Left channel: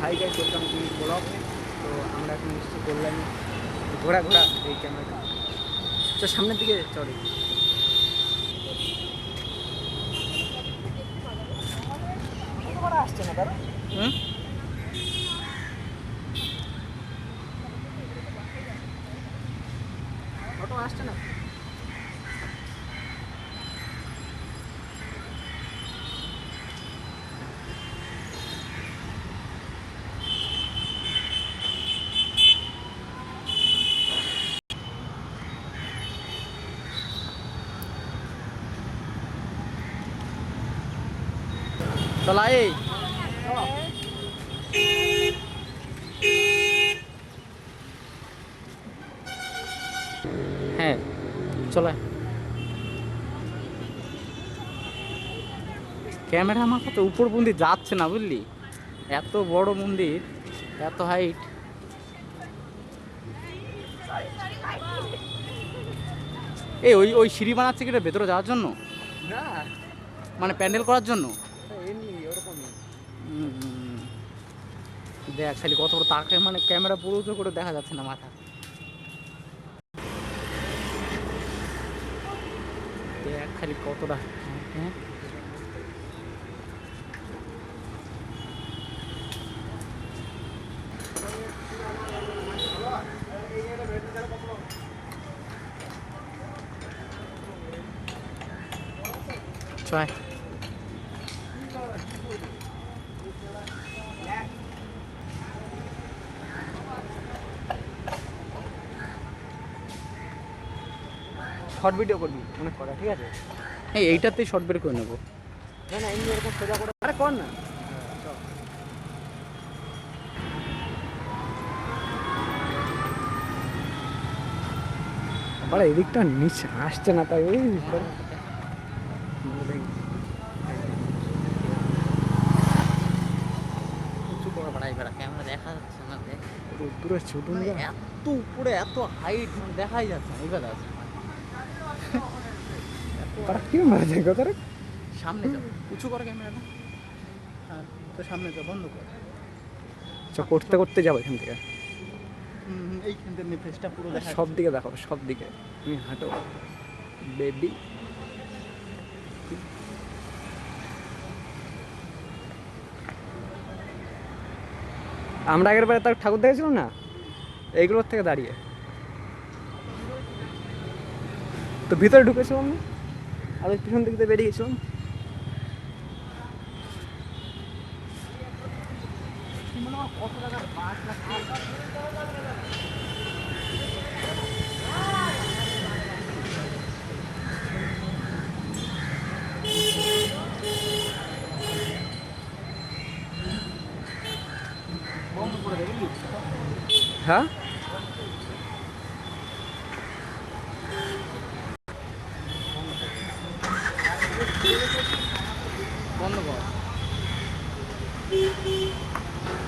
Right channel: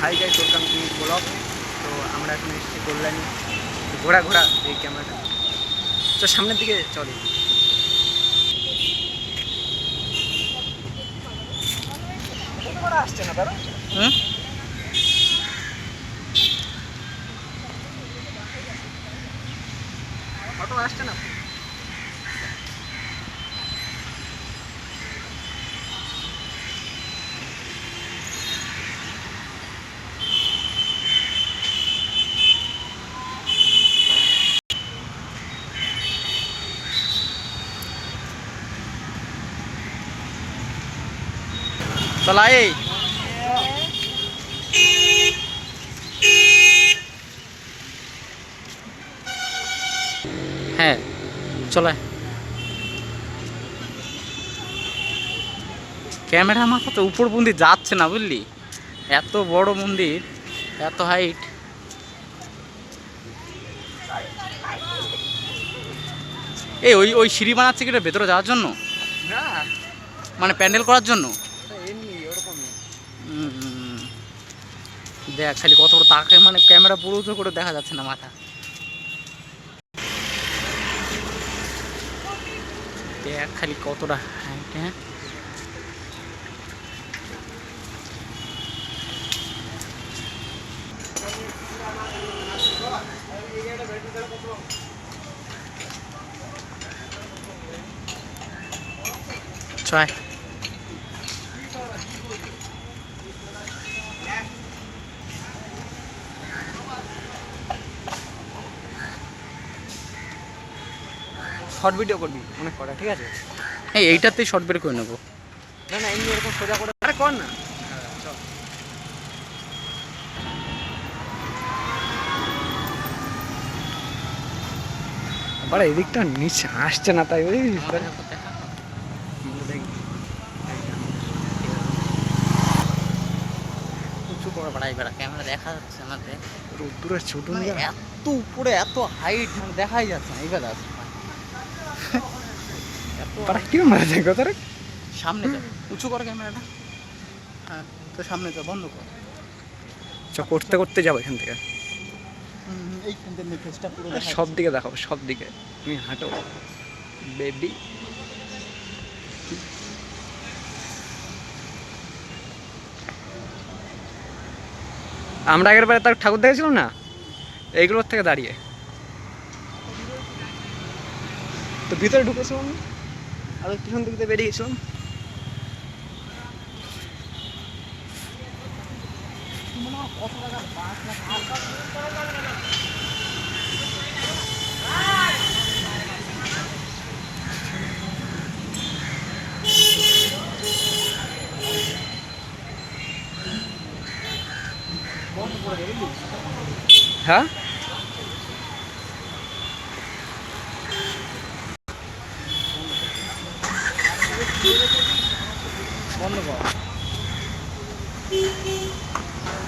Hi guys, welcome to blog. তো আমরা এখন এসেছি কল্যাণী, ঘোরা ঘোরা এই ক্যামেরাটা। তো সামনের দিকে চলে। আসছে না তারা, অটো আসছে না। চলাই হ্যাঁ চলায়। ক্যামেরা আমার তো উপর মন্দির যাচ্ছে না, বুঝলি? এত বড় মন্দির, এত হাইট। এই ওই ওই সিঁড়ি বানাচ্ছে কি ভেতরে যাওয়ার জন্য? না, মানে প্যান্ডেল করার জন্য। এমনি ওরকমই। দেখ খালি কত বড় তাকে, মানে ক্যামেরা পুরো উঁচু করে দেখা যাচ্ছে না মাথা। দেখ খালি কতটা হাইট। হ্যাঁ ছয় শর্ট ভিডিও করবি অনেক করা, ঠিক আছে? হ্যাঁ এইটাতেই শর্ট ভিডিও করে নেবো। না না, এমনি এরকম সোজা করে আরে কর না। চল আবার এদিকটা নিচে আসছে না, তাই ওই উঁচু করে বাড়াই বেড়া, ক্যামেরা দেখা যাচ্ছে না। রোদ্দুরের ছোটন এত উপরে, এত হাইট, মানে দেখাই যাচ্ছে না। এইবার তারা কি মারা যায় কথাটা? সামনে উঁচু কর ক্যামেরাটা। হ্যাঁ তো সামনে তো বন্ধ কর। করতে করতে যাবো এখান থেকে। এইখান থেকে ফেসটা পুরো সব দিকে দেখাবো, সব দিকে। তুমি হাঁটো বেবি। আমরা আগের বারে তার ঠাকুর দেখেছিলাম না, এইগুলোর থেকে দাঁড়িয়ে তো ভিতরে ঢুকেছিলাম না, আর পিছন দিকে বেরিয়ে গেছিলাম। কত টাকার বাস লাগছে। হ্যাঁ বন্ধ কর,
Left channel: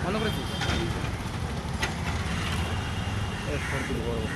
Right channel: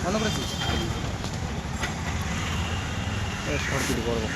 বন্ধ করেছিস। সব কিছু করবো।